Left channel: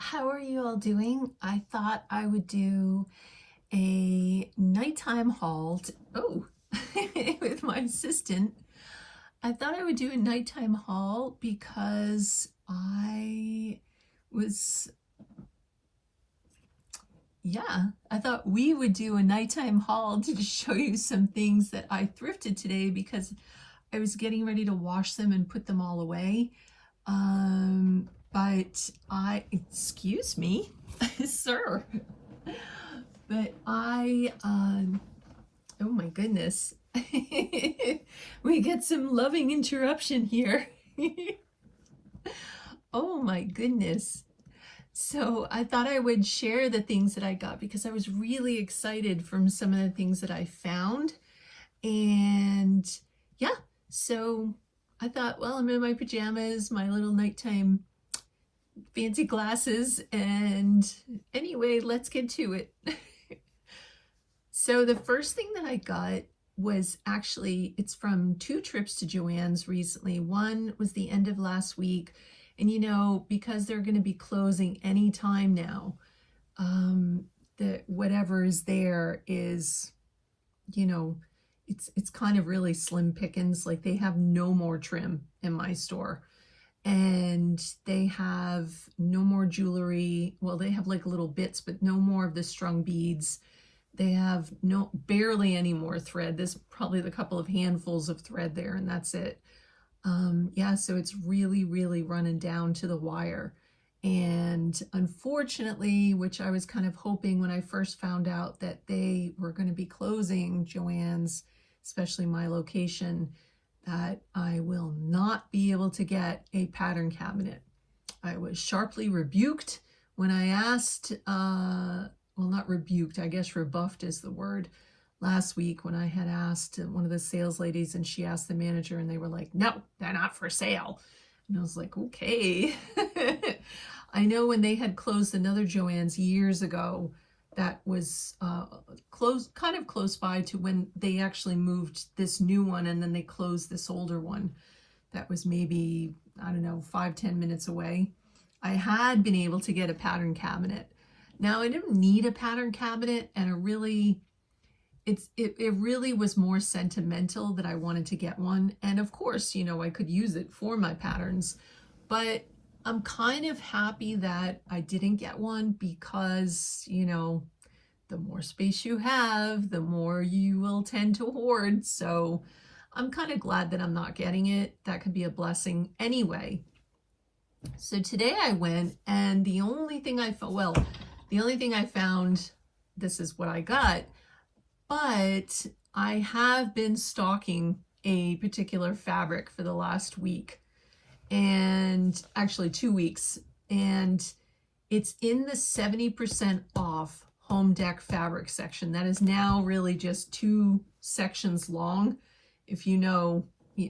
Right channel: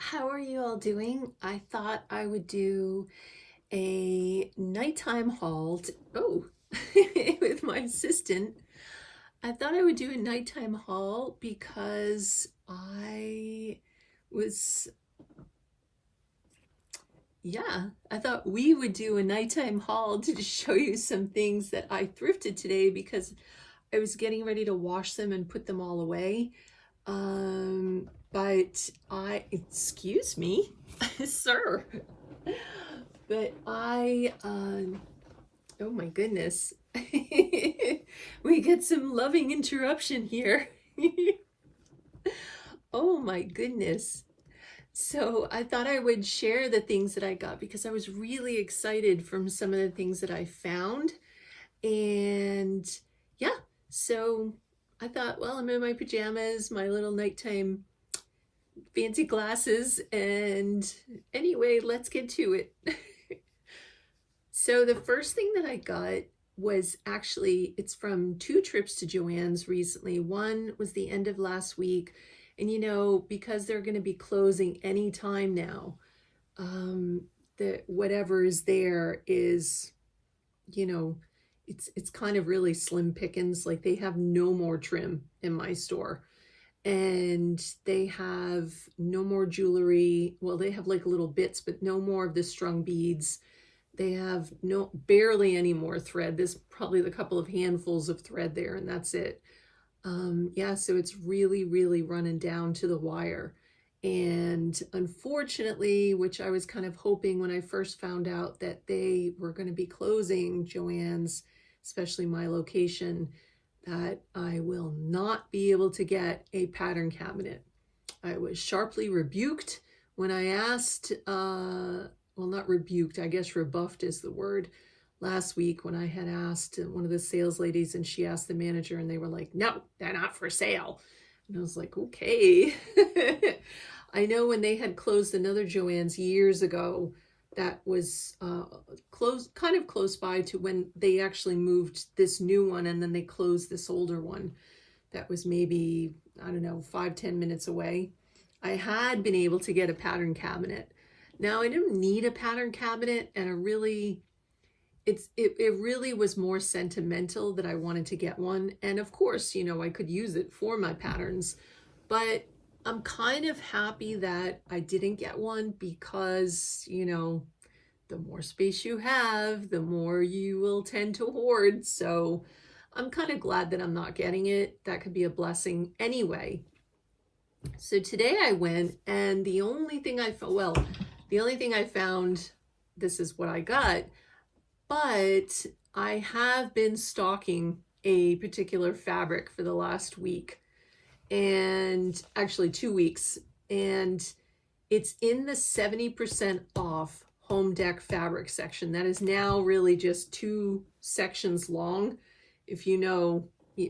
How are you all doing? I thought I would do a nighttime haul. With my assistant. I thought I would do a nighttime haul because was, I thought we would do a nighttime haul to just show you some things that I thrifted today because I was getting ready to wash them and put them all away. Excuse me, sir, but oh my goodness, we get some loving interruption here. Oh my goodness. So I thought I would share the things that I got because I was really excited from some of the things that I found. And yeah, so I thought, well, I'm in my pajamas, my little nighttime fancy glasses, and anyway, let's get to it. So the first thing that I got was actually, it's from two trips to Joann's recently. One was the end of last week, and you know, because they're going to be closing any time now, whatever is there is, you know, it's kind of really slim pickings. Like, they have no more trim in my store, and they have no more jewelry. Well, they have like little bits, but no more of the strung beads. They have barely any more thread. There's probably a couple of handfuls of thread there, and that's it. Yeah, so it's really, really running down to the wire. And unfortunately, which I was kind of hoping when I first found out that they were going to be closing Joann's, especially my location, that I will not be able to get a pattern cabinet. I was sharply rebuked when I asked, well, not rebuked, I guess rebuffed is the word, last week when I had asked one of the sales ladies, and she asked the manager, and they were like, no, they're not for sale. And I was like, okay. I know when they had closed another Joann's years ago, that was kind of close by to when they actually moved this new one, and then they closed this older one. That was maybe, I don't know, 5-10 minutes away. I had been able to get a pattern cabinet. Now, I didn't need a pattern cabinet, and it really was more sentimental that I wanted to get one. And of course, you know, I could use it for my patterns, but I'm kind of happy that I didn't get one because, you know, the more space you have, the more you will tend to hoard. So I'm kind of glad that I'm not getting it. That could be a blessing anyway. So today I went, and the only thing I found, this is what I got, but I have been stocking a particular fabric for the last week, and actually 2 weeks, and it's in the 70% off home deck fabric section. That is now really just 2 sections long. If you know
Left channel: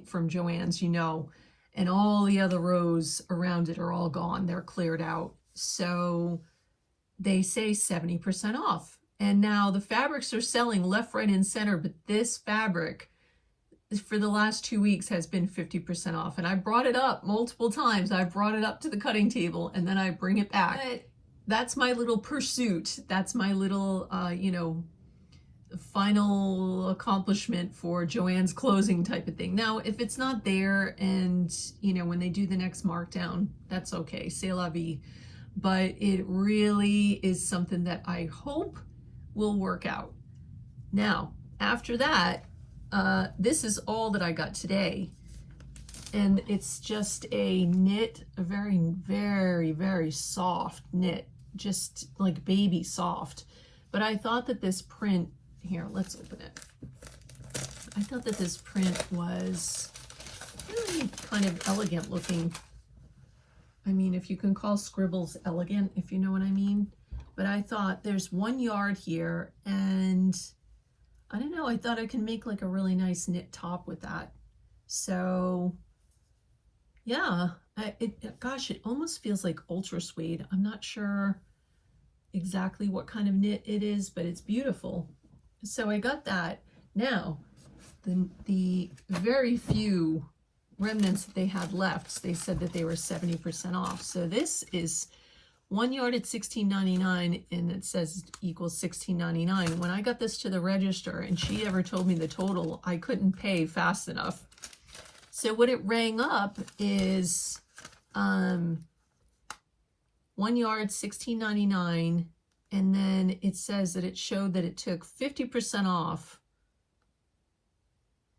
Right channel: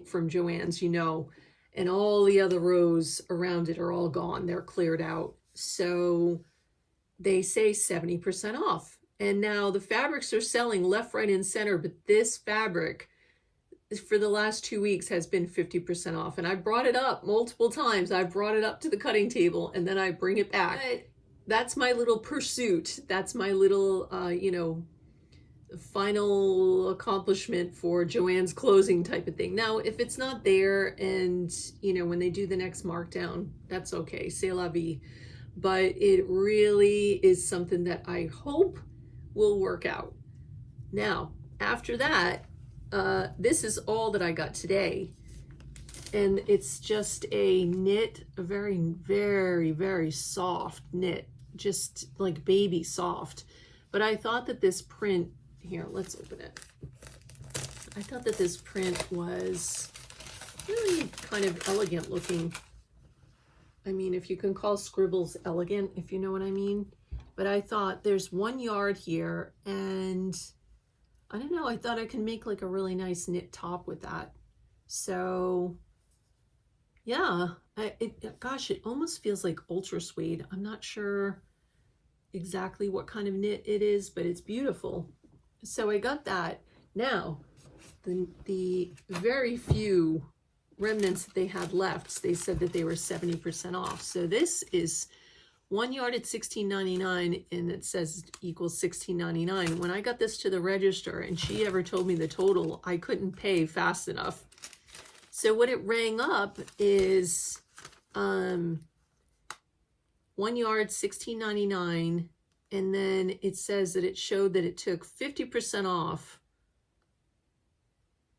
from Joann's, you know, and all the other rows around it are all gone. They're cleared out. So they say 70% off. And now the fabrics are selling left, right, and center, but this fabric for the last 2 weeks has been 50% off. And I brought it up multiple times. I brought it up to the cutting table, and then I bring it back. But that's my little pursuit. That's my little, you know, final accomplishment for Joann's closing type of thing. Now, if it's not there, and, you know, when they do the next markdown, that's okay. C'est la vie. But it really is something that I hope will work out. Now, after that, this is all that I got today, and it's just a knit, a very, very, very soft knit, just like baby soft. But I thought that this print, here, let's open it. I thought that this print was really kind of elegant looking. I mean, if you can call scribbles elegant, if you know what I mean. But I thought there's 1 yard here, and I don't know, I thought I can make like a really nice knit top with that. So yeah, gosh, it almost feels like ultra suede. I'm not sure exactly what kind of knit it is, but it's beautiful. So I got that. Now, the very few remnants that they had left, they said that they were 70% off. So this is 1 yard at $16.99, and it says equals $16.99. When I got this to the register and she ever told me the total, I couldn't pay fast enough. So what it rang up is 1 yard, $16.99, and then it says that it showed that it took 50% off,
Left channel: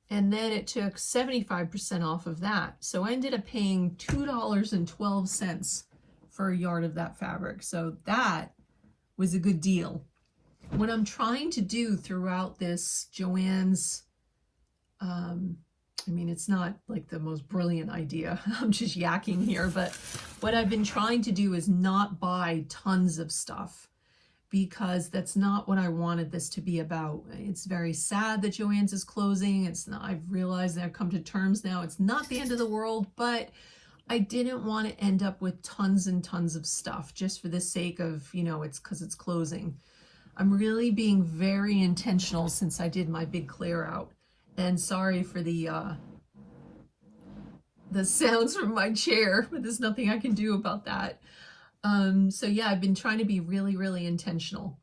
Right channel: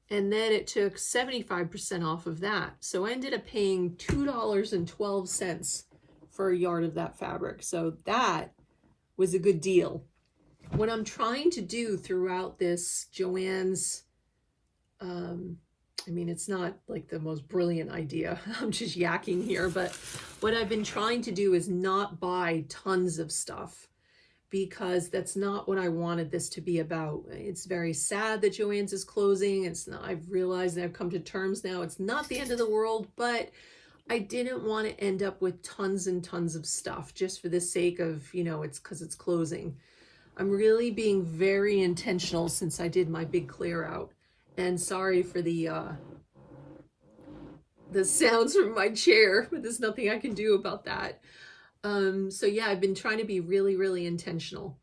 and then it took 75% off of that. So I ended up paying $2.12 for a yard of that fabric. So that was a good deal. What I'm trying to do throughout this Joann's, I mean, it's not like the most brilliant idea. I'm just yakking here, but what I've been trying to do is not buy tons of stuff, because that's not what I wanted this to be about. It's very sad that Joann's is closing. It's not, I've realized and I've come to terms now, it's not the end of the world, but I didn't want to end up with tons and tons of stuff just for the sake of, you know, it's because it's closing. I'm really being very intentional since I did my big clear out. And sorry for the sounds from my chair, but there's nothing I can do about that. So yeah, I've been trying to be really, really intentional.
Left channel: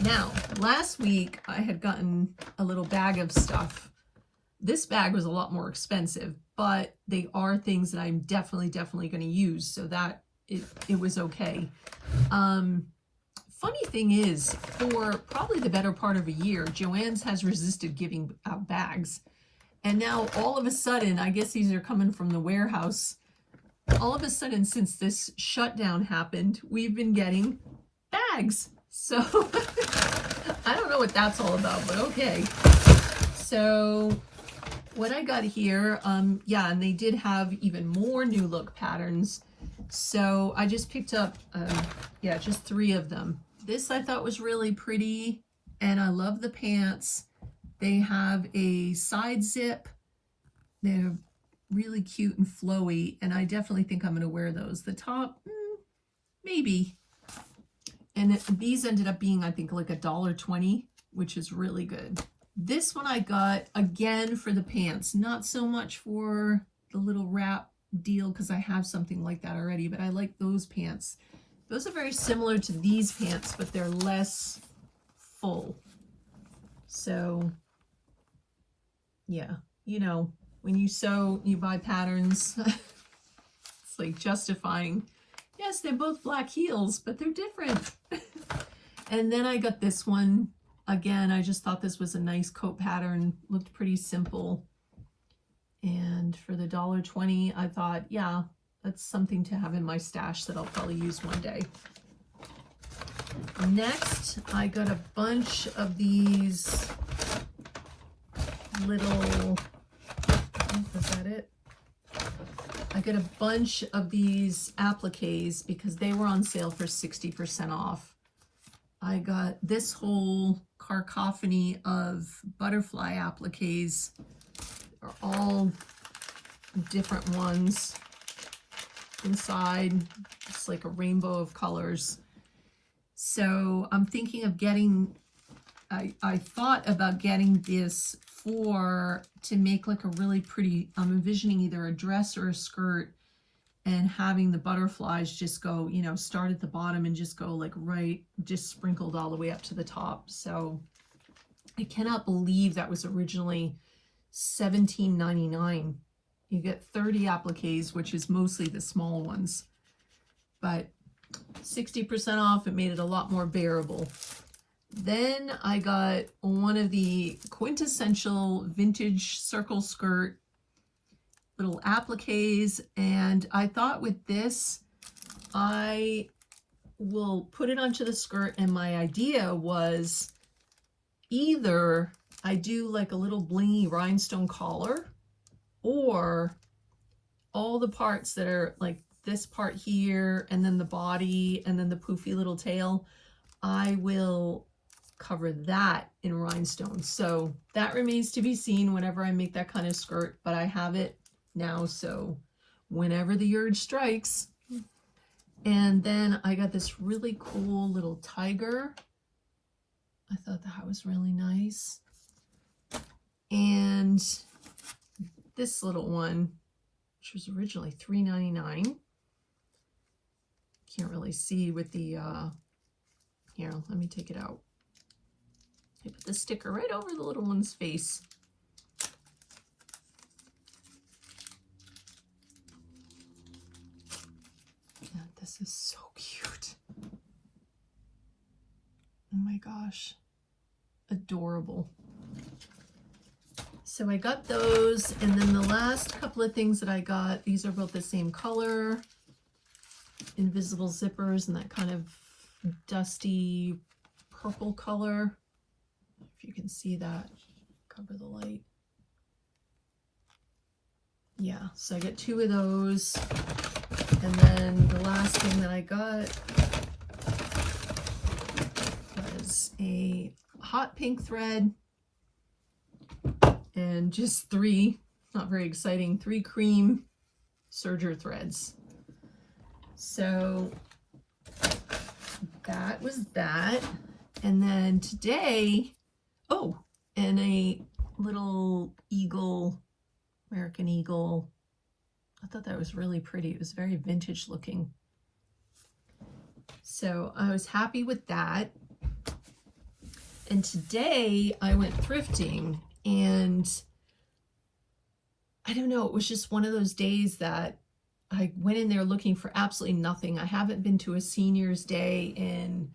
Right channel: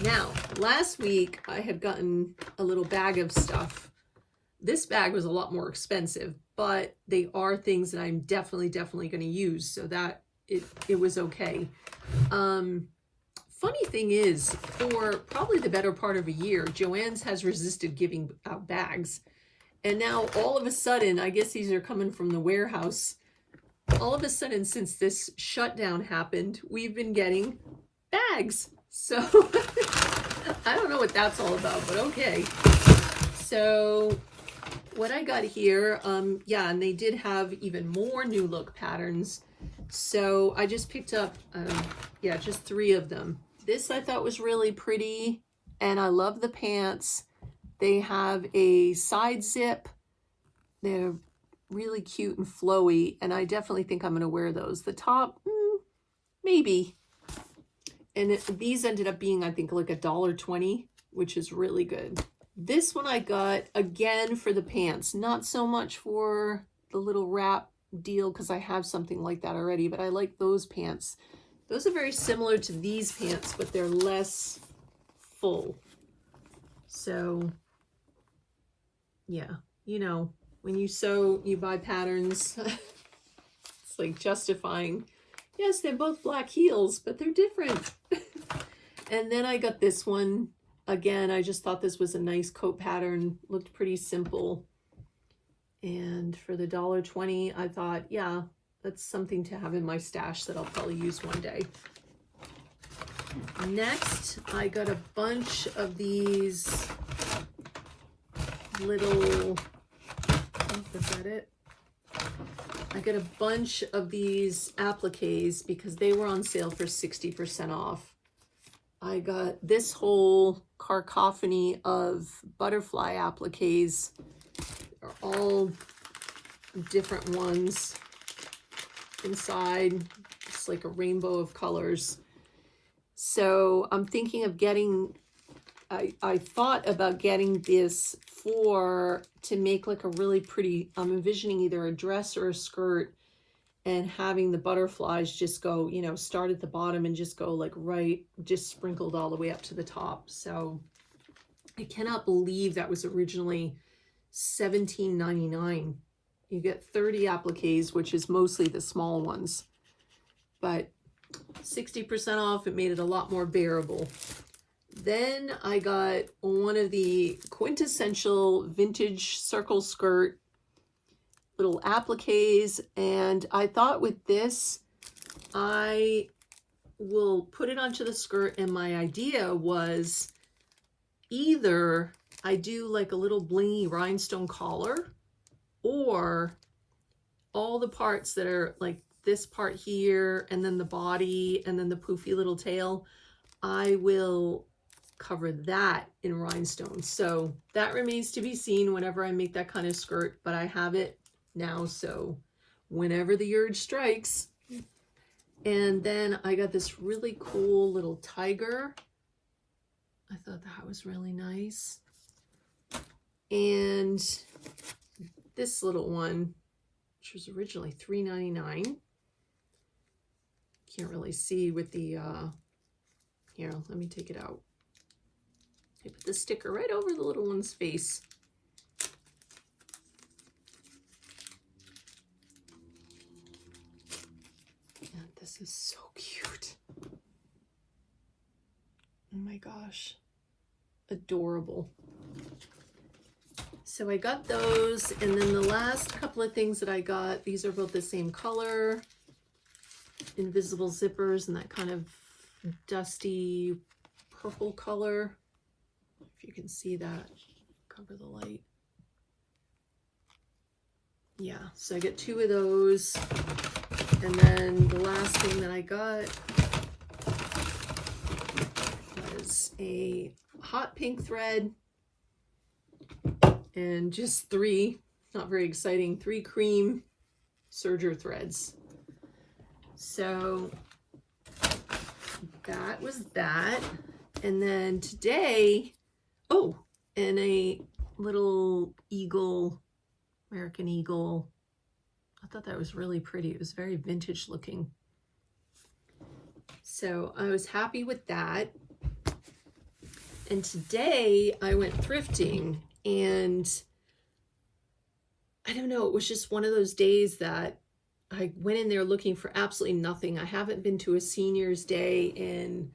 Now, last week I had gotten a little bag of stuff. This bag was a lot more expensive, but they are things that I'm definitely going to use, so that it was okay. Funny thing is, for probably the better part of a year, Joann's has resisted giving out bags. And now all of a sudden, I guess these are coming from the warehouse, all of a sudden since this shutdown happened, we've been getting bags. So I don't know what that's all about, but okay. So what I got here, yeah, and they did have even more new look patterns. So I just picked up, yeah, just 3 of them. This I thought was really pretty, and I love the pants. They have a side zip. They're really cute and flowy, and I definitely think I'm going to wear those. The top, maybe. And these ended up being, I think, like $1.20, which is really good. This one I got, again, for the pants. Not so much for the little wrap deal, because I have something like that already, but I like those pants. Those are very similar to these pants, but they're less full. So, yeah, you know, when you sew, you buy patterns. It's like justifying. Yes, they're both black heels, but they're different. And then I got this one. Again, I just thought this was a nice coat pattern. Looked pretty simple. And for the $1.20, I thought, yeah, that's something to have in my stash that I'll probably use one day. Next, I got a bunch of these little, is that it? I got a bunch of these appliques because they were on sale for 60% off. I got this whole cacophony of butterfly appliques. They're all different ones inside. It's like a rainbow of colors. So I'm thinking of getting, I thought about getting this to make like a really pretty, I'm envisioning either a dress or a skirt, and having the butterflies just go, you know, start at the bottom and just go like right, just sprinkled all the way up to the top. So I cannot believe that was originally $17.99. You get 30 appliques, which is mostly the small ones, but 60% off, it made it a lot more bearable. Then I got one of the quintessential vintage circle skirt little appliques, and I thought with this, I will put it onto the skirt, and my idea was either I do like a little blingy rhinestone collar, or all the parts that are like this part here, and then the body, and then the poofy little tail, I will cover that in rhinestones. So that remains to be seen whenever I make that kind of skirt, but I have it now, so whenever the urge strikes. And then I got this really cool little tiger. I thought that was really nice. And this little one, which was originally $3.99. can't really see with the, here, let me take it out. I put the sticker right over the little one's face. And this is so cute. Oh my gosh, adorable. So I got those, and then the last couple of things that I got, these are both the same color, invisible zippers and that kind of dusty purple color. If you can see that, cover the light. Yeah, so I get 2 of those. And then the last thing that I got was a hot pink thread and just 3, not very exciting, 3 cream serger threads. So that was that. And then today, oh, and a little eagle, American eagle. I thought that was really pretty. It was very vintage looking. So I was happy with that. And today I went thrifting, and I don't know, it was just one of those days that I went in there looking for absolutely nothing. I haven't been to a senior's day in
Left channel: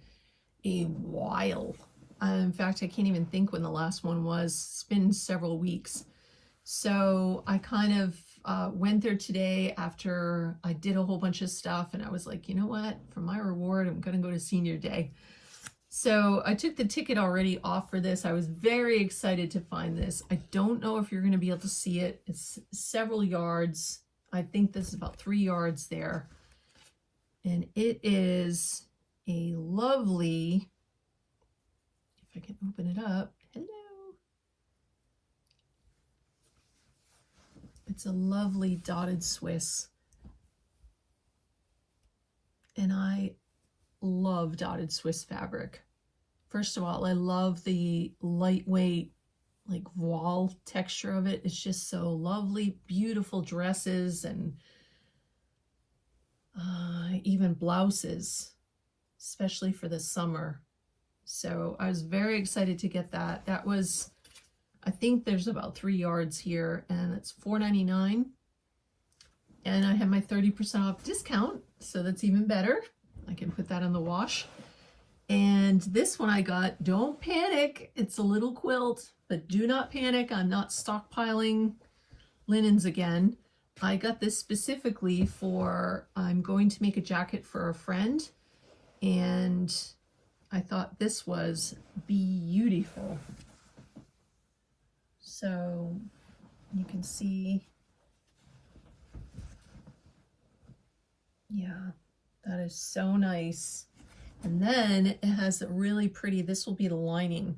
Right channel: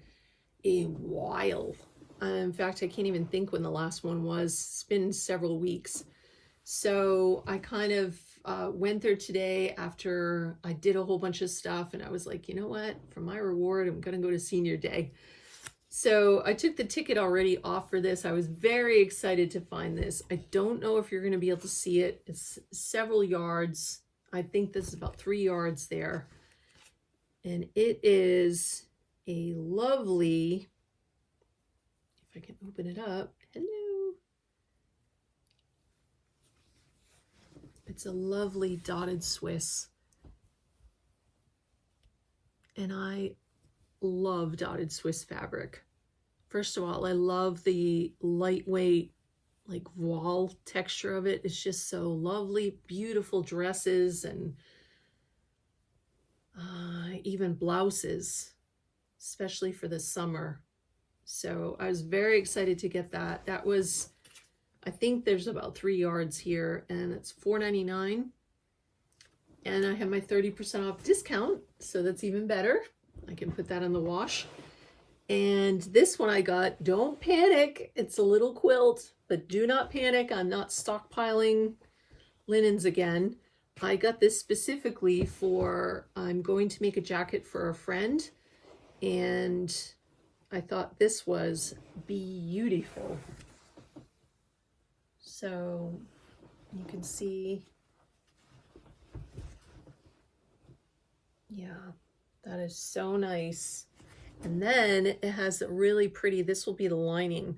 a while. In fact, I can't even think when the last one was. It's been several weeks. So I kind of went there today after I did a whole bunch of stuff, and I was like, you know what? For my reward, I'm going to go to senior day. So I took the ticket already off for this. I was very excited to find this. I don't know if you're going to be able to see it. It's several yards. I think this is about 3 yards there. And it is a lovely, if I can open it up, hello. It's a lovely dotted Swiss. And I love dotted Swiss fabric. First of all, I love the lightweight, like voile texture of it. It's just so lovely. Beautiful dresses and even blouses, especially for the summer. So I was very excited to get that. That was, I think there's about 3 yards here, and it's $4.99. And I have my 30% off discount, so that's even better. I can put that in the wash. And this one I got, don't panic, it's a little quilt, but do not panic. I'm not stockpiling linens again. I got this specifically for, I'm going to make a jacket for a friend, and I thought this was beautiful. So you can see, yeah, that is so nice. And then it has a really pretty, this will be the lining.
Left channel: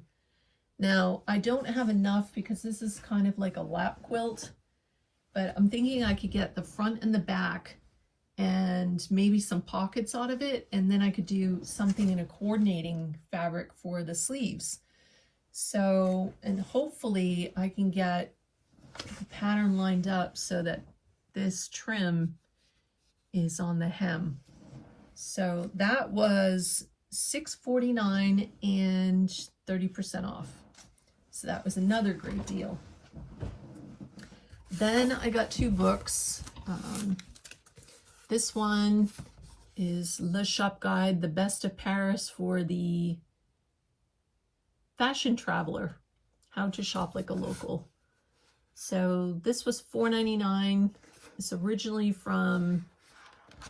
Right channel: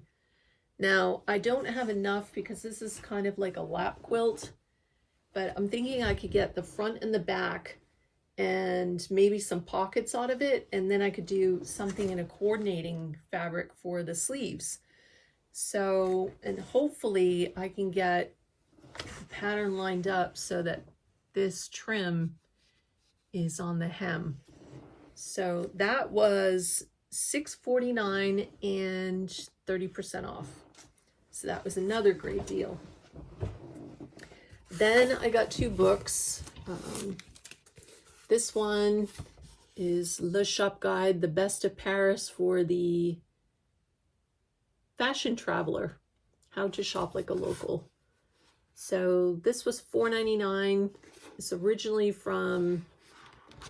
Now, I don't have enough because this is kind of like a lap quilt, but I'm thinking I could get the front and the back and maybe some pockets out of it, and then I could do something in a coordinating fabric for the sleeves. So, and hopefully I can get the pattern lined up so that this trim is on the hem. So that was $6.49 and 30% off. So that was another great deal. Then I got 2 books. This one is Le Shop Guide, the Best of Paris for the Fashion Traveler, How to Shop Like a Local. So this was $4.99. It's originally from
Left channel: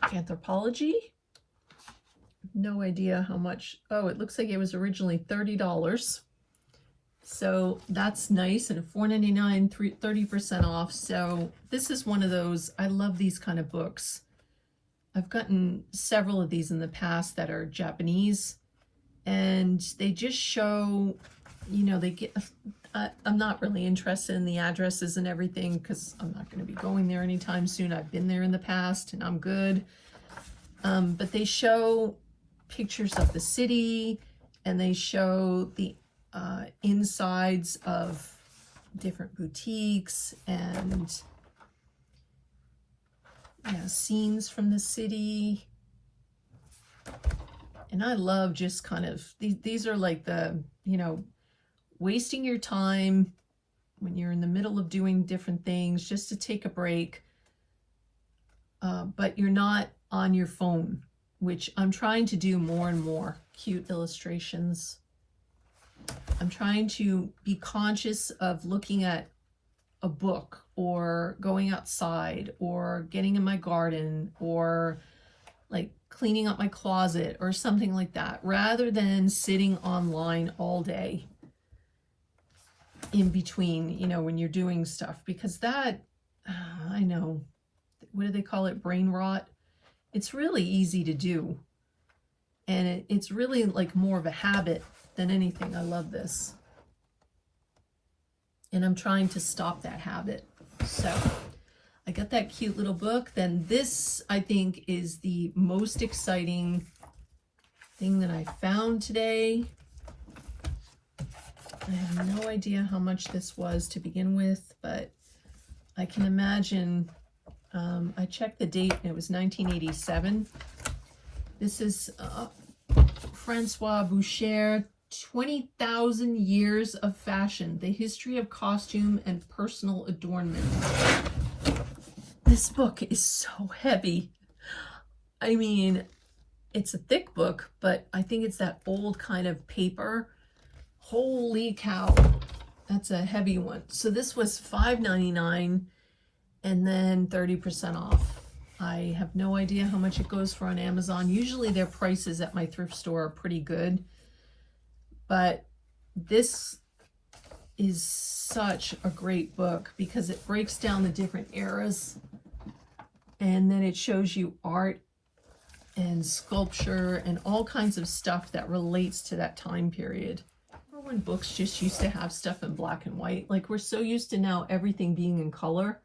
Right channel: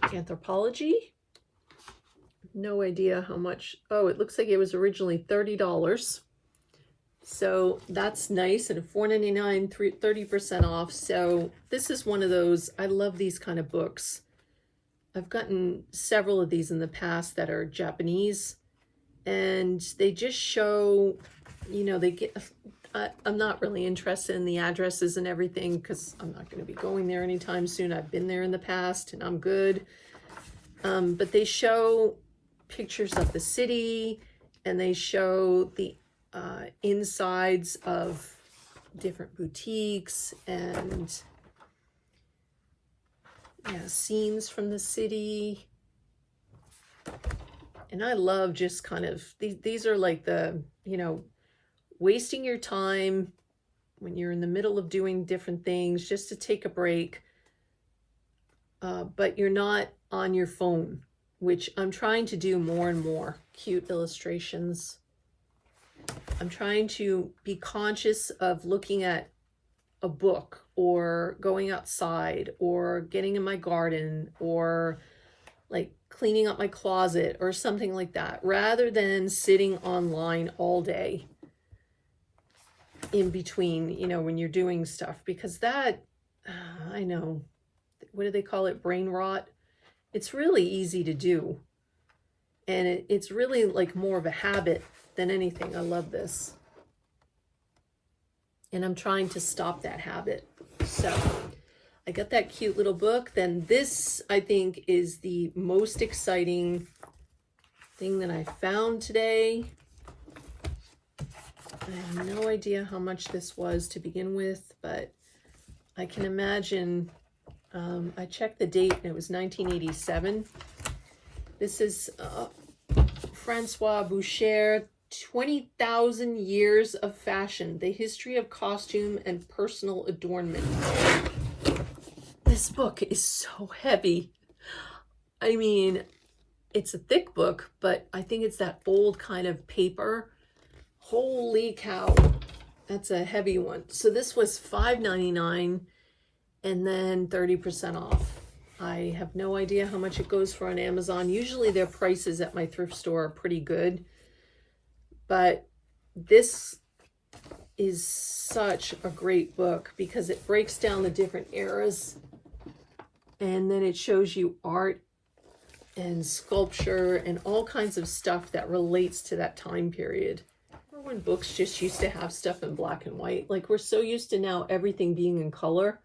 Anthropologie. No idea how much. Oh, it looks like it was originally $30. So that's nice, and $4.99, 30% off. So this is one of those, I love these kind of books. I've gotten several of these in the past that are Japanese, and they just show, you know, they get, I'm not really interested in the addresses and everything because I'm not going to be going there anytime soon. I've been there in the past and I'm good. But they show pictures of the city, and they show the insides of different boutiques and scenes from the city. And I love just kind of, these are like the, you know, wasting your time when you're in the middle of doing different things, just to take a break, but you're not on your phone, which I'm trying to do more and more. Cute illustrations. I'm trying to be conscious of looking at a book or going outside or getting in my garden or like cleaning up my closet or something like that, rather than sitting online all day in between, you know, when you're doing stuff, because that, I know, what do they call it? Brain rot. It's really easy to do. And it's really like more of a habit than anything. I love this. And I'm trying to stop that habit. So I got that cute little book. Then this, I think, is the most exciting thing that I found today. I have no idea how much this was to begin with, but I can imagine, I checked the date and it was 1987. This is Francois Boucher, 20,000 Years of Fashion, The History of Costume and Personal Adornment. This book is so heavy. I mean, it's a thick book, but I think it's that old kind of paper. Holy cow, that's a heavy one. So this was $5.99 and then 30% off. I have no idea how much it goes for on Amazon. Usually their prices at my thrift store are pretty good, but this is such a great book because it breaks down the different eras, and then it shows you art and sculpture and all kinds of stuff that relates to that time period. Remember when books just used to have stuff in black and white? Like, we're so used to now everything being in color.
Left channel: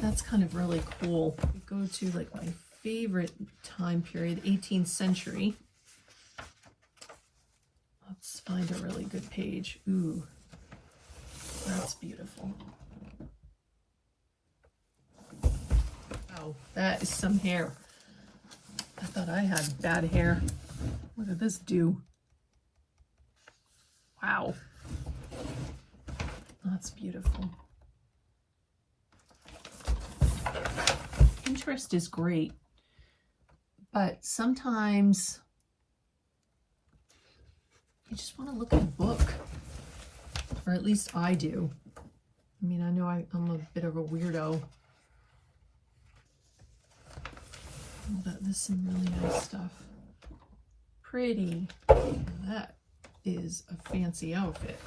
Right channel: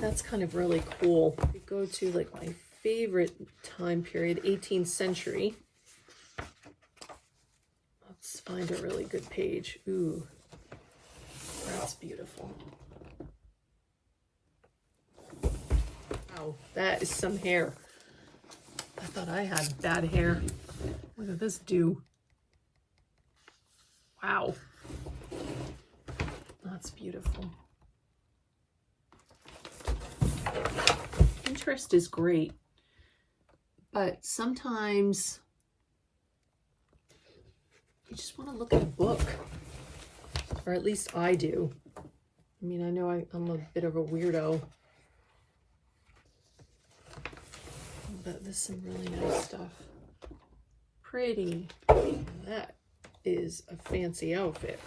That's kind of really cool. We go to like my favorite time period, 18th century. Let's find a really good page. Ooh, that's beautiful. Wow, that is some hair. I thought I had bad hair. What did this do? Wow, that's beautiful. Pinterest is great, but sometimes you just want to look at a book, or at least I do. I mean, I know I'm a bit of a weirdo, but there's some really nice stuff. Pretty. That is a fancy outfit.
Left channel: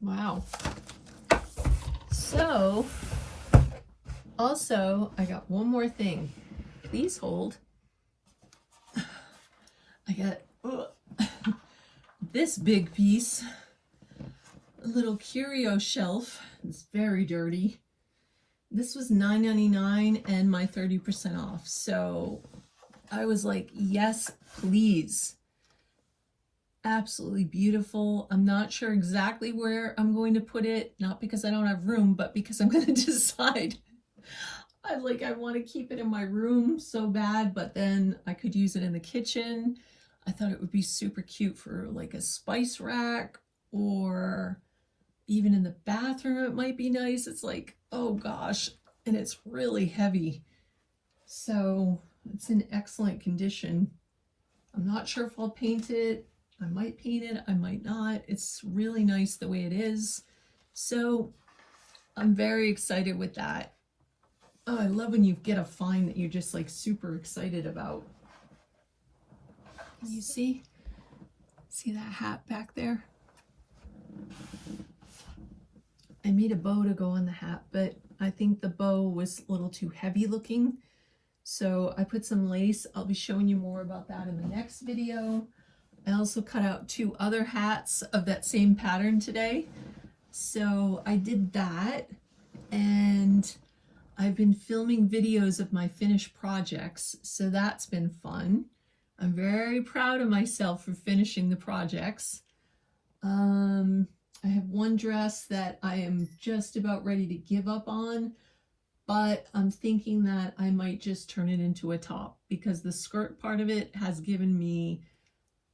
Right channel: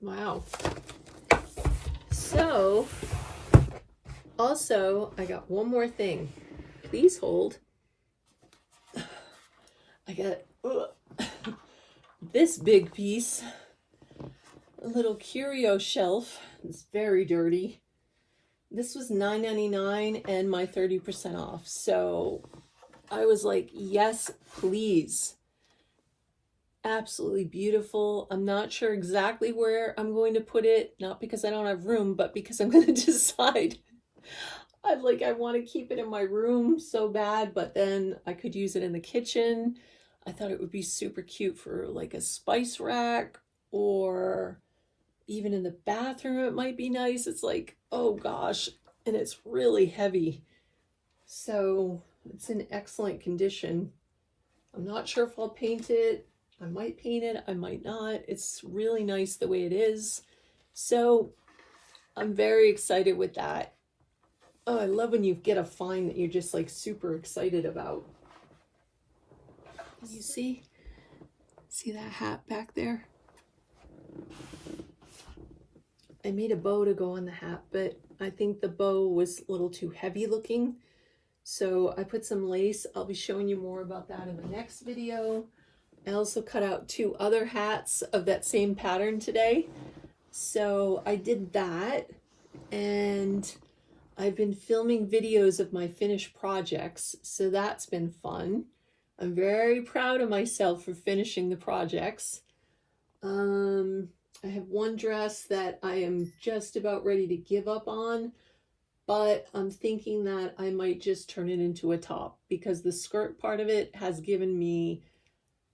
Wow. So, also, I got one more thing. Please hold. I got this big piece, a little curio shelf. It's very dirty. This was $9.99 and my 30% off. So I was like, yes, please. Absolutely beautiful. I'm not sure exactly where I'm going to put it, not because I don't have room, but because I'm going to decide. I want to keep it in my room so bad, but then I could use it in the kitchen. I thought it would be super cute for like a spice rack, or even in the bathroom it might be nice. It's like, oh gosh, and it's really heavy. So it's in excellent condition. I'm not sure if I'll paint it. I might paint it, I might not. It's really nice the way it is. So I'm very excited with that. Oh, I love when you get a find that you're just like super excited about. Can you see? See that hat back there? I made a bow to go on the hat, but I think the bow was a little too heavy looking. So I put some lace. I'll be showing you more about that in the next video. I also cut out 2 other hats of that same pattern today. So I did that, and I've been filming videos of my finished projects. So that's been fun. I'm very proud of myself for finishing the projects. I have one dress that I am just about ready to give up on, but I'm thinking that I might just turn it into a top because the skirt part of it has given me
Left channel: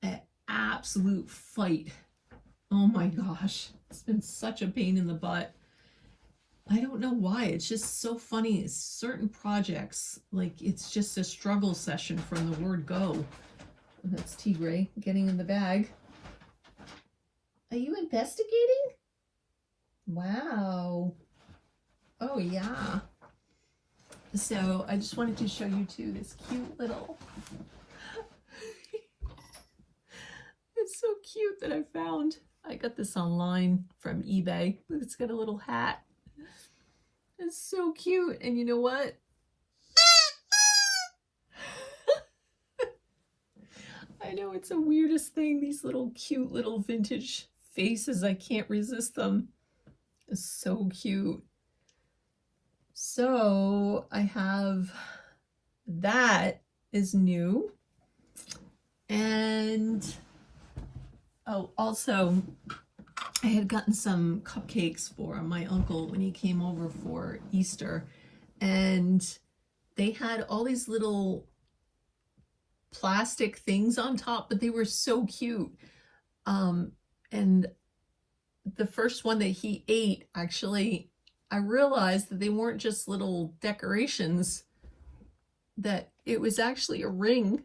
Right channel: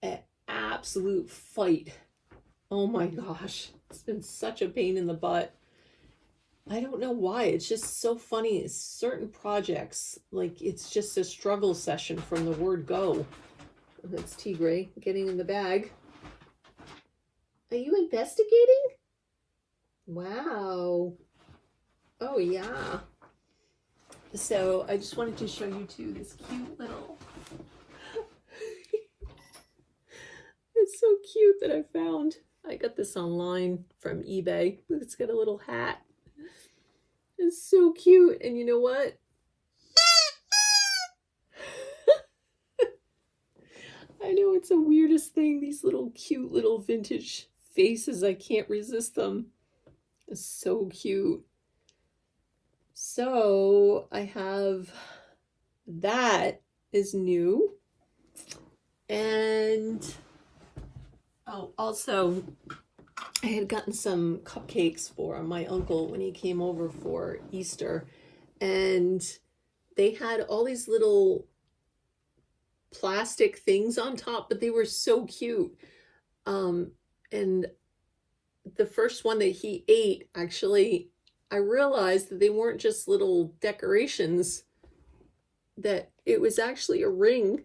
an absolute fight. Oh my gosh, it's been such a pain in the butt. I don't know why. It's just so funny. Certain projects, like it's just a struggle session from the word go. That's Tigre getting in the bag. Are you investigating? Wow. Oh yeah. So I just wanted to show you too this cute little. It's so cute that I found. I got this online from eBay. It's got a little hat. It's so cute. And you know what? I know it's the weirdest thing. These little cute little vintage faces. I can't resist them. It's so cute. So I have that is new. And oh, also I had gotten some cupcakes for my uncle when he came over for Easter, and they had all these little plastic things on top, but they were so cute. And the first one that he ate, actually, I realized that they weren't just little decorations, that it was actually a ring.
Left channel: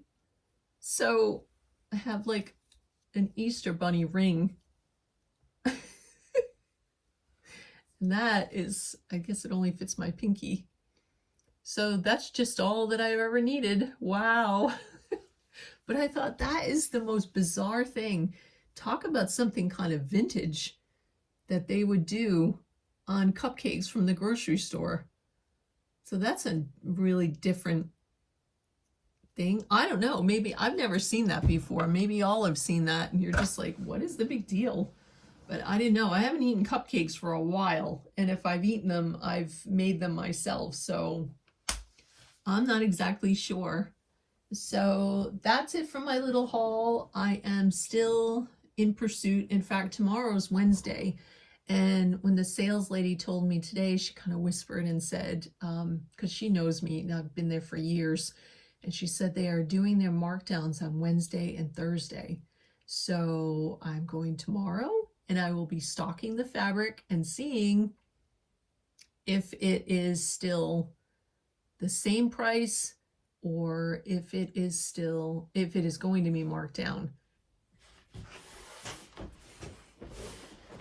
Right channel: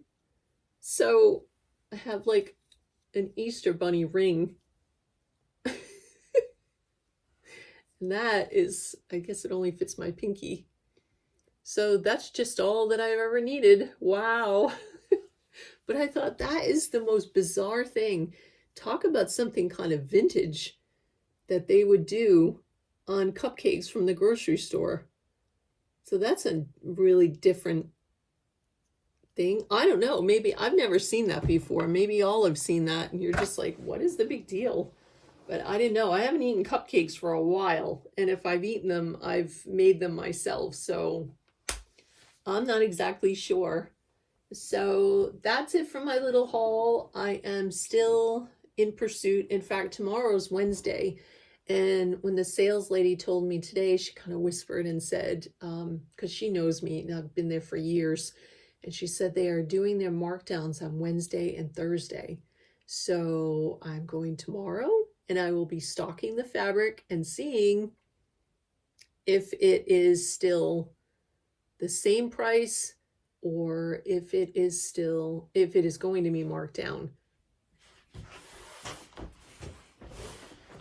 So I have like an Easter bunny ring. And that is, I guess it only fits my pinky. So that's just all that I've ever needed. Wow. But I thought that is the most bizarre thing. Talk about something kind of vintage that they would do on cupcakes from the grocery store. So that's a really different thing. I don't know. Maybe I've never seen that before. Maybe y'all have seen that and you're just like, what is the big deal? But I didn't know. I haven't eaten cupcakes for a while. And if I've eaten them, I've made them myself. So I'm not exactly sure. So that's it for my little haul. I am still in pursuit. In fact, tomorrow's Wednesday. And when the sales lady told me today, she kind of whispered and said, because she knows me and I've been there for years. And she said they are doing their markdowns on Wednesday and Thursday. So I'm going tomorrow and I will be stocking the fabric and seeing if it is still the same price or if it is going to be marked down.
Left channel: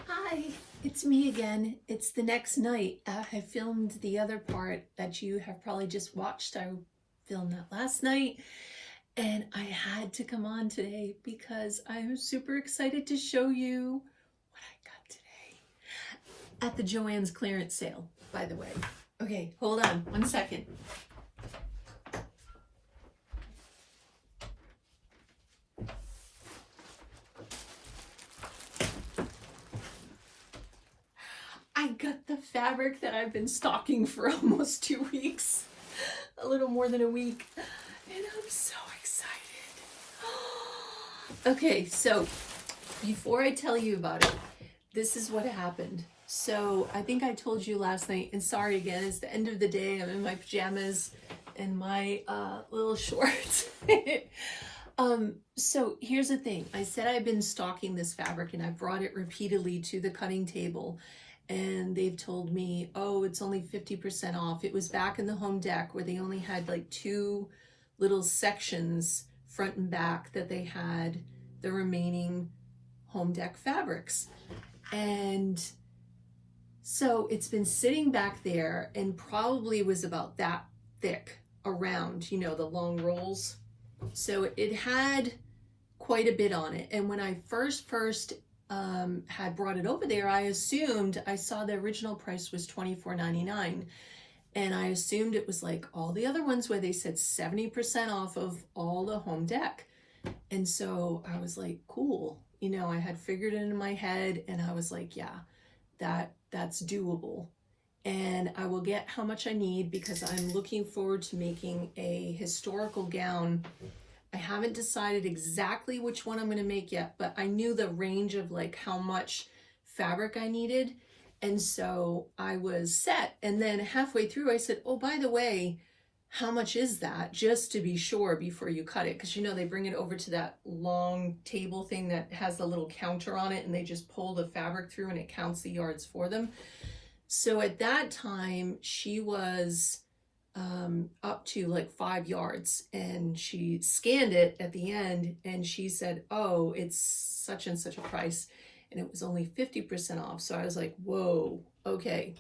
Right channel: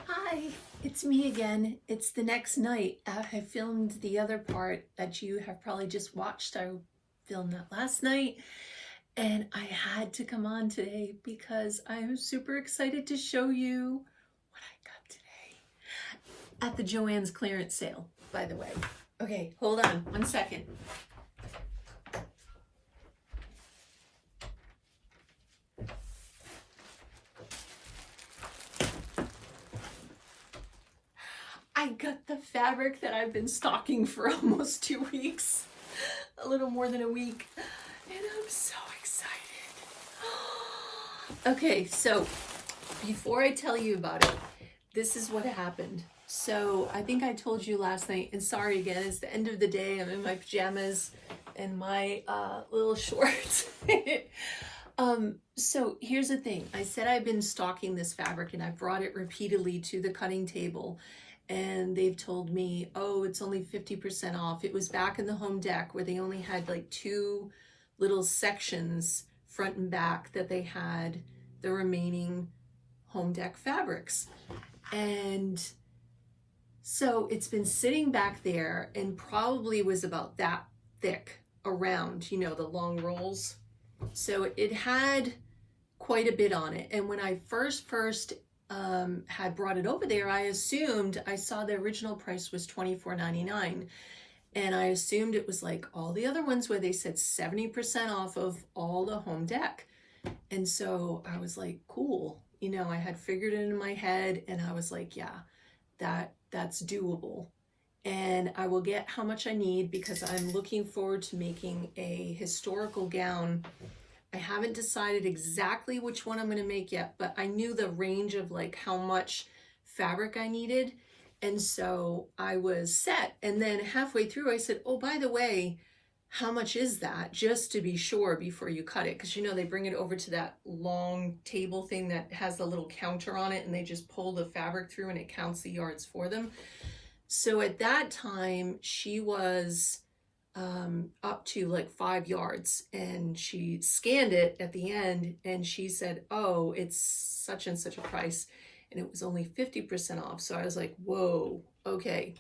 Hi, it's me again. It's the next night. I filmed the other part that you have probably just watched. I filmed that last night. And I had to come on today because I'm super excited to show you what I got today at the Joann's clearance sale, by the way. Okay, hold on 1 second. I got the fabric that I've been stocking for almost 2 weeks, a little more than a week, and I'm so excited. Okay, so before I tell you about it, this is what happened. So I think I told you last night, and sorry again, it's the end of the day. I'm in my pajamas and my little shorts. So here's the thing. I said I've been stocking this fabric and I brought it repeatedly to the cutting table. And they've told me, oh, it's only 50% off. It was back in the home deck where they only had like 2 little sections, front and back, that they had the remaining home deck fabrics. And so it's been sitting back there and probably was about that thick around, you know, the long rolls. So it had quite a bit on it. And when I first had brought it over there, I saw the original price was $24.99. And I assumed it was like all the other ones where they said 70% off of all the home deck. And so I was like, cool. You know, I had figured it in my head and I was like, yeah, that's doable. And I will get how much I need because I'm looking forward to making a historical gown. I haven't decided exactly which one I'm going to make yet, but I knew the range of like how much fabric I needed. And so I was set. And then halfway through, I said, oh, by the way, how much is that? Just to be sure before you cut it. Because, you know, they bring it over to that long table thing that has the little counter on it, and they just pull the fabric through and it counts the yards for them. So at that time, she was up to like 5 yards, and she scanned it at the end and she said, oh, it's such and such a price, and it was only 50% off. So I was like, whoa, okay,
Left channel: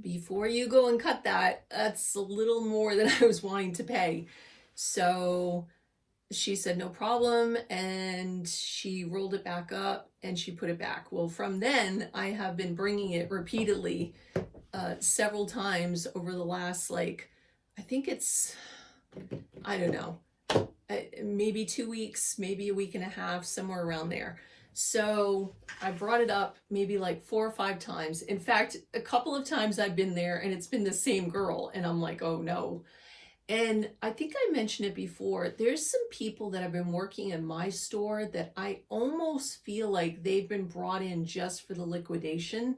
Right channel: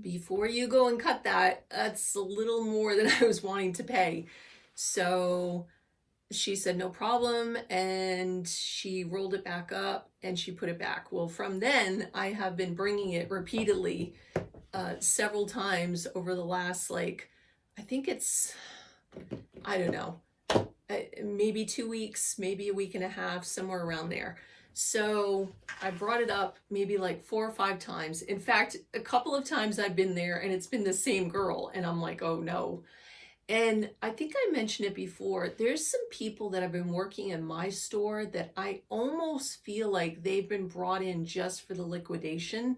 before you go and cut that, that's a little more than I was wanting to pay. So she said no problem, and she rolled it back up and she put it back. Well, from then I have been bringing it repeatedly, several times over the last, like, I think it's, I don't know, maybe 2 weeks, maybe a week and a half, somewhere around there. So I brought it up maybe like 4 or 5 times. In fact, a couple of times I've been there and it's been the same girl, and I'm like, oh no. And I think I mentioned it before, there's some people that have been working in my store that I almost feel like they've been brought in just for the liquidation,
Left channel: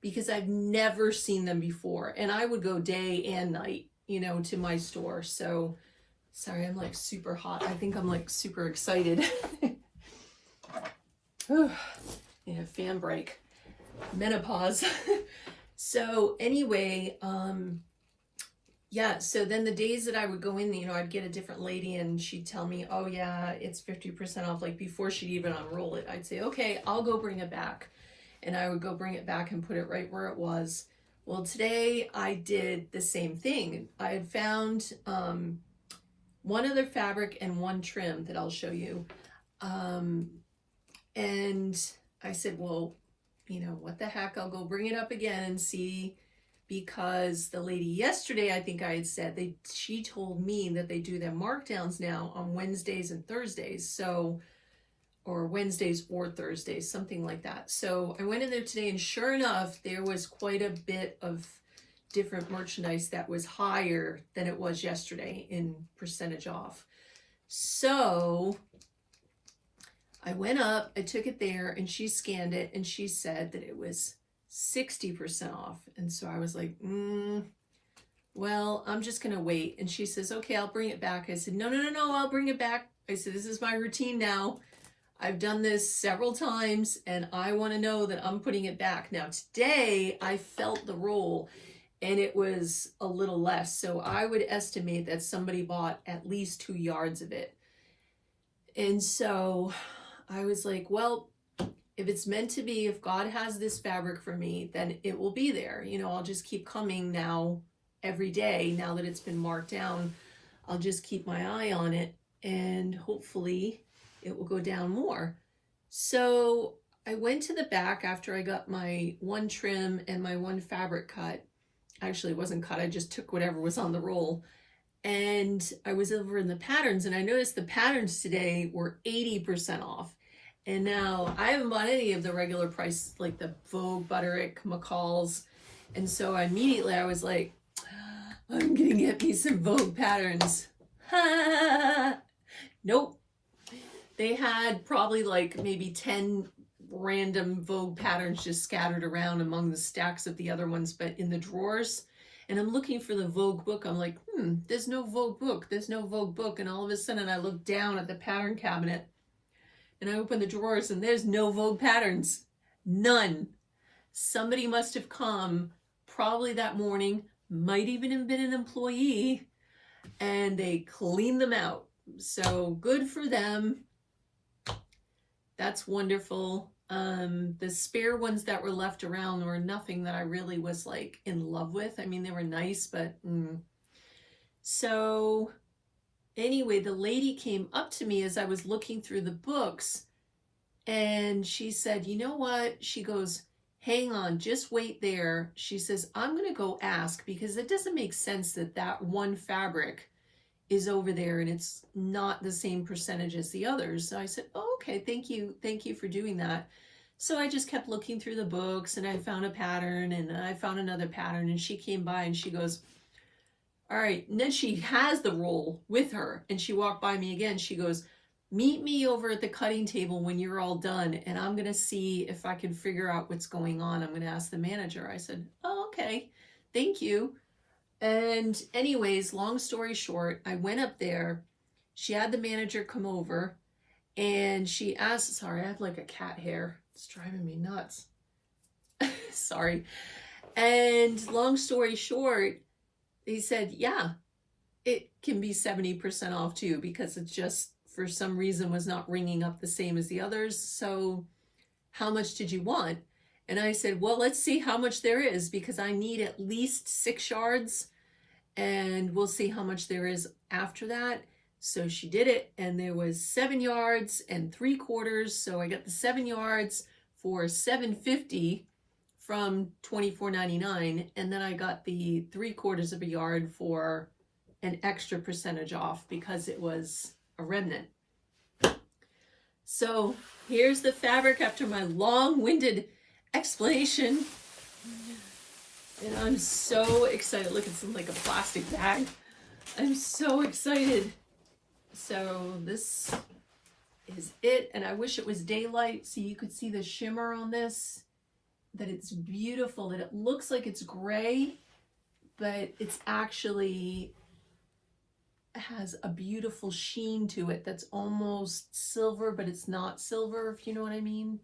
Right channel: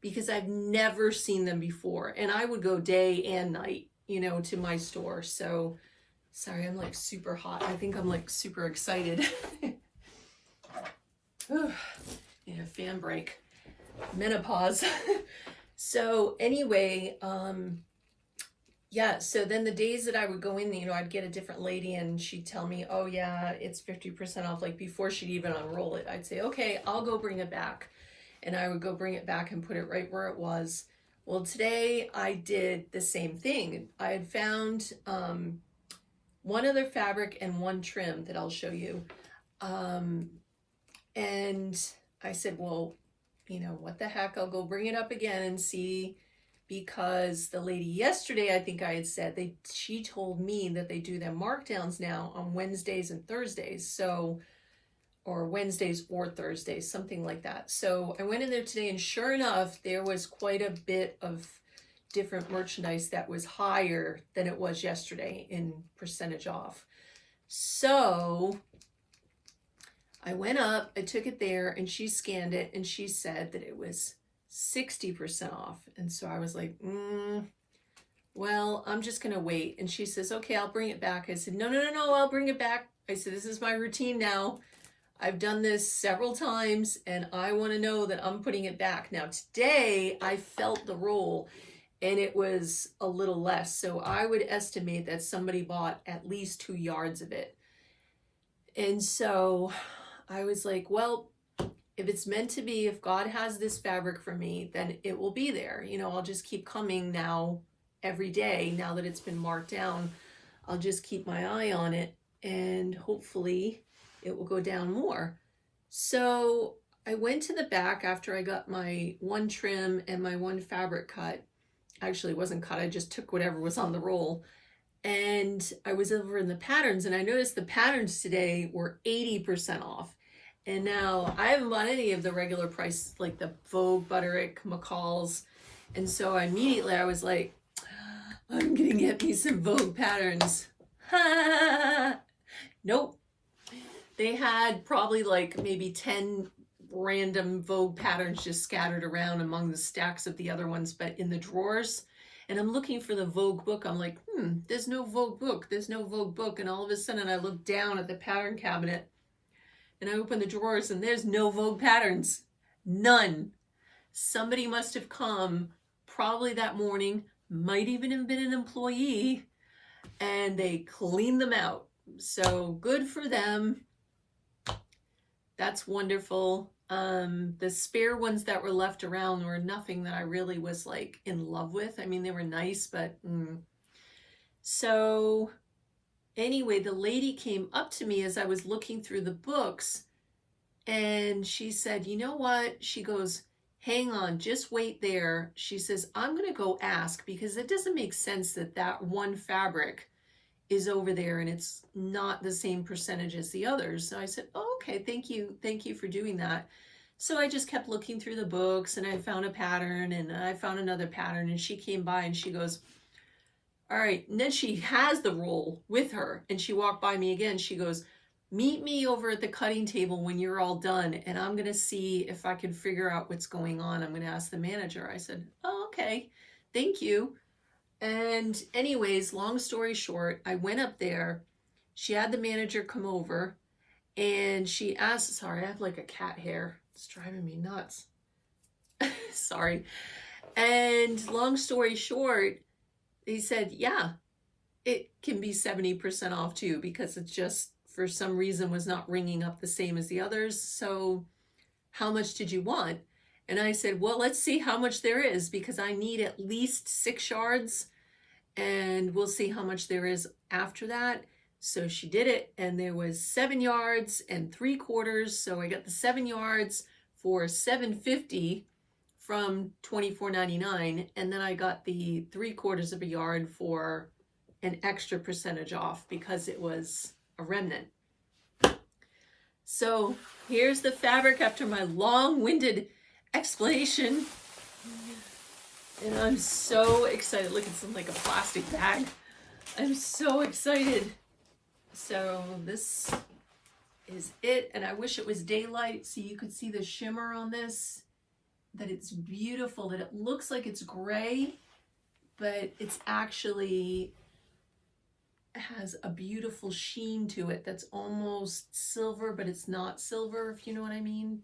because I've never seen them before. And I would go day and night, you know, to my store. So sorry, I'm like super hot. I think I'm like super excited. Need a fan break. Menopause. So anyway, yeah, so then the days that I would go in, you know, I'd get a different lady and she'd tell me, oh yeah, it's 50% off. Like before she'd even unroll it, I'd say, okay, I'll go bring it back. And I would go bring it back and put it right where it was. Well, today I did the same thing. I had found one other fabric and one trim that I'll show you. And I said, well, you know, what the heck, I'll go bring it up again and see, because the lady yesterday, I think I had said, she told me that they do their markdowns now on Wednesdays and Thursdays. So, or Wednesdays or Thursdays, something like that. So I went in there today, and sure enough, there was quite a bit of different merchandise that was higher than it was yesterday in percentage off. So I went up, I took it there, and she scanned it, and she said that it was 60% off. And so I was like, well, I'm just gonna wait. And she says, okay, I'll bring it back. I said, no, I'll bring it back. I said, this is my routine now. I've done this several times, and I want to know that I'm putting it back. Now today I felt the roll, and it was a little less. So I would estimate that somebody bought at least 2 yards of it. And so I was like, well, if it's meant to be, if God has this fabric for me, then it will be there. You know, I'll just keep coming now every day. Now that it's been marked down, I'll just keep my eye on it, and hopefully it will go down more. So I went to the back after I got my one trim and my one fabric cut. Actually, it wasn't cut. I just took whatever was on the roll. And I was over in the patterns, and I noticed the patterns today were 80% off. And now I haven't bought any of the regular price, like the Vogue, Butterick, McCall's. And so immediately I was like, I'm gonna get me some Vogue patterns. Nope. They had probably like maybe 10 random Vogue patterns just scattered around among the stacks of the other ones, but in the drawers. And I'm looking for the Vogue book. I'm like, there's no Vogue book. There's no Vogue book. And all of a sudden I look down at the pattern cabinet, and I open the drawers, and there's no Vogue patterns. None. Somebody must have come probably that morning, might even have been an employee, and they cleaned them out. So good for them. That's wonderful. The spare ones that were left around were nothing that I really was like in love with. I mean, they were nice, but so anyway, the lady came up to me as I was looking through the books, and she said, you know what? She goes, hang on, just wait there. She says, I'm going to go ask, because it doesn't make sense that that one fabric is over there and it's not the same percentage as the others. So I said, oh, okay, thank you for doing that. So I just kept looking through the books, and I found a pattern, and I found another pattern, and she came by and she goes, all right. And then she has the roll with her, and she walked by me again. She goes, meet me over at the cutting table when you're all done, and I'm going to see if I can figure out what's going on. I'm going to ask the manager. I said, oh, okay, thank you. And anyways, long story short, I went up there. She had the manager come over, and she asked, sorry, I have like a cat hair. It's driving me nuts. Sorry. And long story short, he said, yeah, it can be 70% off too, because it just, for some reason, was not ringing up the same as the others. So how much did you want? And I said, well, let's see how much there is, because I need at least 6 yards, and we'll see how much there is after that. So she did it, and there was 7 yards and 3/4. So I got the 7 yards for $7.50 from $24.99, and then I got the 3/4 of a yard for an extra percentage off because it was a remnant. So here's the fabric after my long-winded explanation. And I'm so excited. Look, it's in like a plastic bag. I'm so excited. So this is it. And I wish it was daylight so you could see the shimmer on this, that it's beautiful, that it looks like it's gray, but it's actually has a beautiful sheen to it that's almost silver, but it's not silver, if you know what I mean.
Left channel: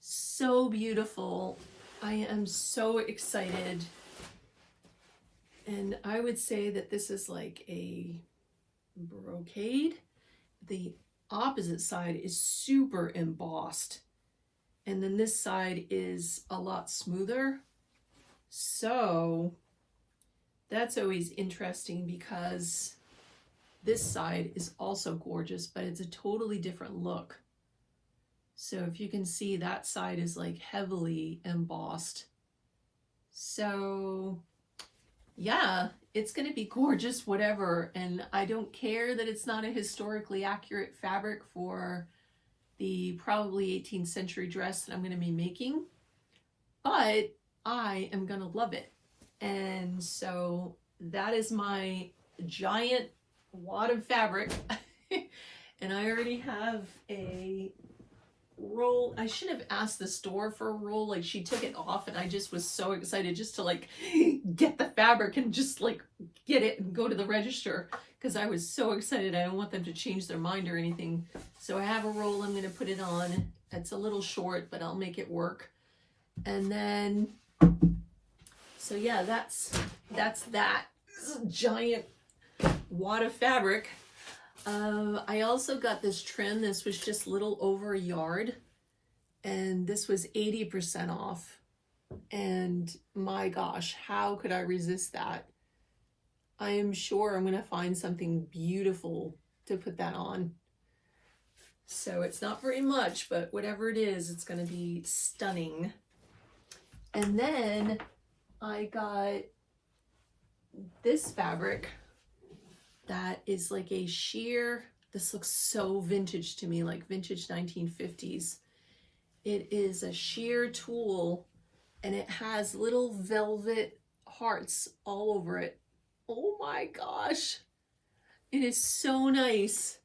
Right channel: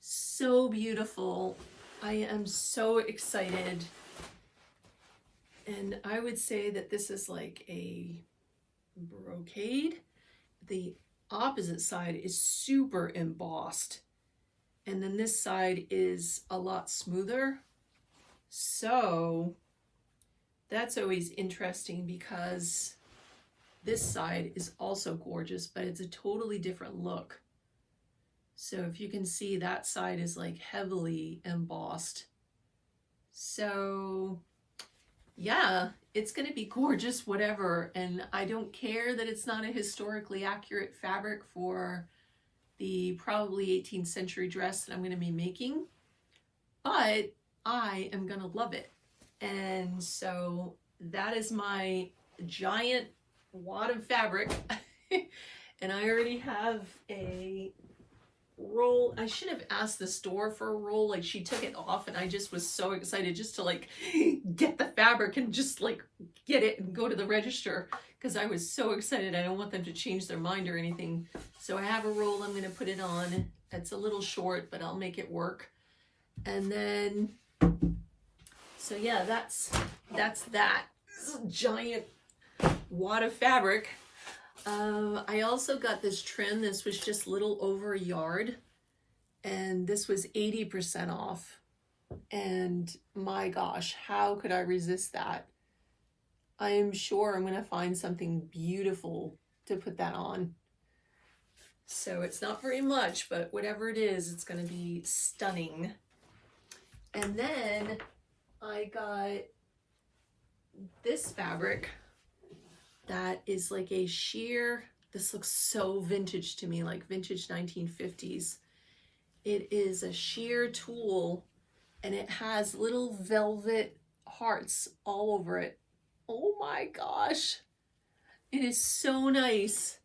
So beautiful. I am so excited. And I would say that this is like a brocade. The opposite side is super embossed, and then this side is a lot smoother. So that's always interesting, because this side is also gorgeous, but it's a totally different look. So if you can see, that side is like heavily embossed. So yeah, it's going to be gorgeous, whatever. And I don't care that it's not a historically accurate fabric for the probably 18th century dress that I'm going to be making, but I am going to love it. And so that is my giant wad of fabric. And I already have a roll. I should have asked the store for a roll. Like, she took it off, and I just was so excited just to like get the fabric and just like get it and go to the register, because I was so excited. I don't want them to change their mind or anything. So I have a roll. I'm going to put it on. It's a little short, but I'll make it work. And then, so yeah, that's that giant wad of fabric. I also got this trim. This was just a little over a yard, and this was 80% off. And my gosh, how could I resist that? I am sure I'm going to find something beautiful to put that on. So it's not very much, but whatever it is, it's going to be stunning. And then I got this fabric that is like a sheer, this looks so vintage to me, like vintage 1950s. It is a sheer tulle, and it has little velvet hearts all over it. Oh my gosh, it is so nice,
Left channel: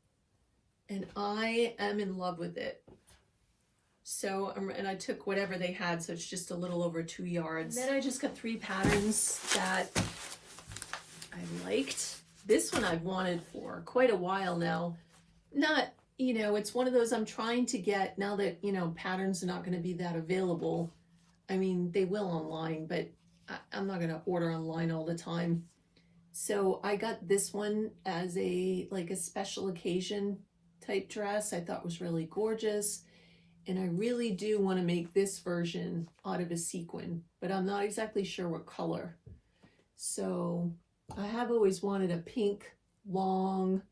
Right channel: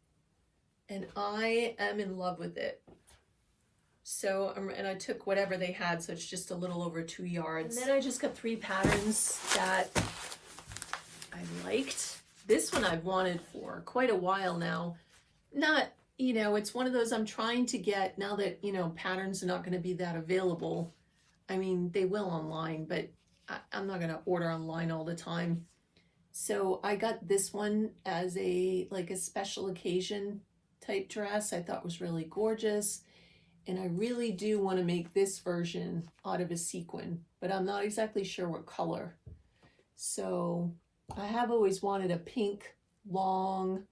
and I am in love with it. So, and I took whatever they had, so it's just a little over 2 yards. And then I just got 3 patterns that I liked. This one I've wanted for quite a while now. Not, you know, it's one of those I'm trying to get now that, you know, patterns are not going to be that available. I mean, they will online, but I'm not going to order online all the time. So I got this one as a, like a special occasion type dress. I thought was really gorgeous. And I really do want to make this version out of a sequin, but I'm not exactly sure what color. So I have always wanted a pink long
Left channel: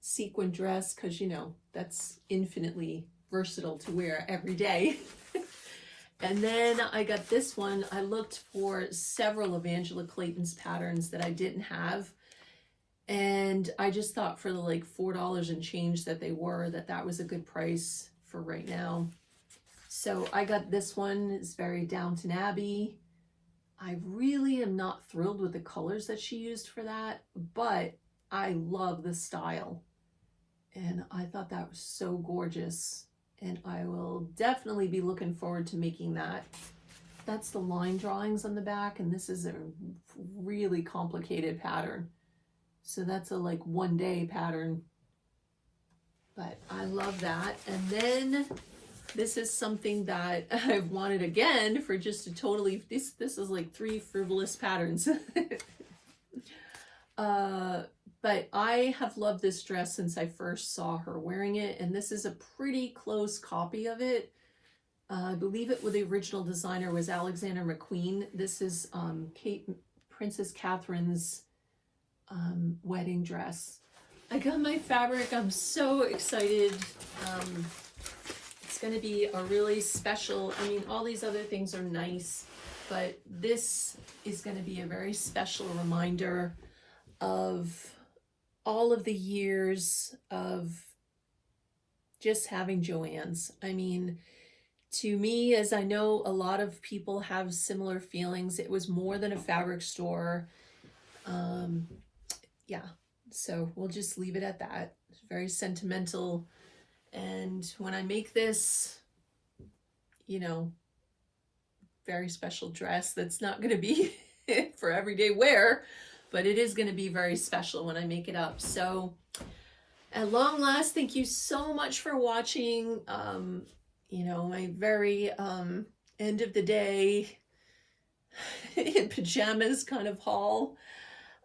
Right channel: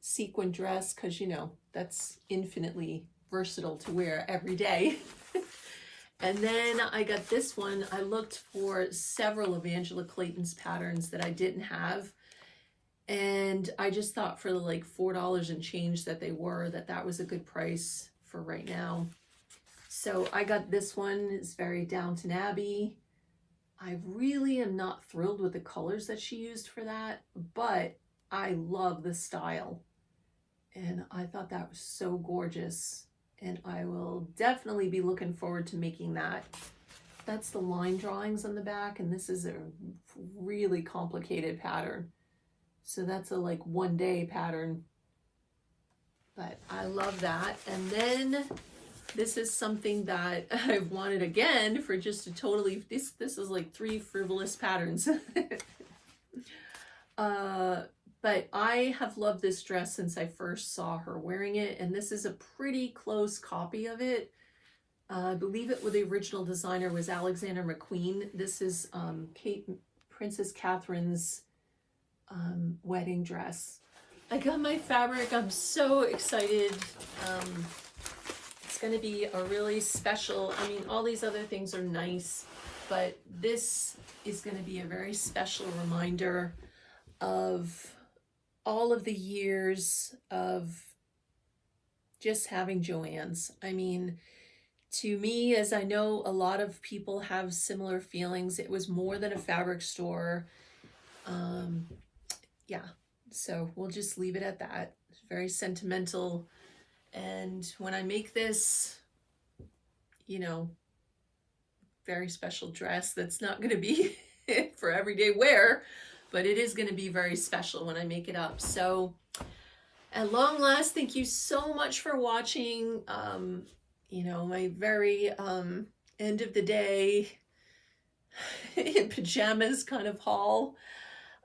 sequin dress, because, you know, that's infinitely versatile to wear every day. And then I got this one. I looked for several of Angela Clayton's patterns that I didn't have, and I just thought for the like $4 and change that they were, that was a good price for right now. So I got this one. It's very Downton Abbey. I really am not thrilled with the colors that she used for that, but I love the style. And I thought that was so gorgeous. And I will definitely be looking forward to making that. That's the line drawings on the back, and this is a really complicated pattern. So that's a like 1-day pattern. But I love that. And then this is something that I've wanted again for just a totally, this is like 3 frivolous patterns. But I have loved this dress since I first saw her wearing it, and this is a pretty close copy of it. I believe it, the original designer was Alexander McQueen. This is Princess Catherine's wedding dress. I got my fabric. I'm so excited. It's going to be a really special, I mean, all these other things are nice, but this is going to be a very special reminder of all of the years of just having Joann's. I mean, to me, as I know a lot of people have similar feelings, it was more than a fabric store. Yeah, so we'll just leave it at that. It's very sentimental. And when I make this, you know, very special dress that's not going to be for everyday wear, but it is going to be very special when I make it up. So at long last, thank you so much for watching. You know, my very end of the day in pajamas kind of haul.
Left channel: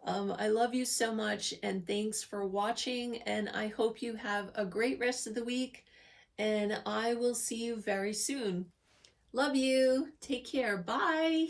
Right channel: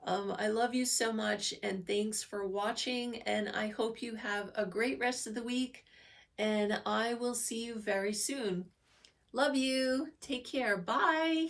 I love you so much, and thanks for watching, and I hope you have a great rest of the week, and I will see you very soon. Love you. Take care. Bye.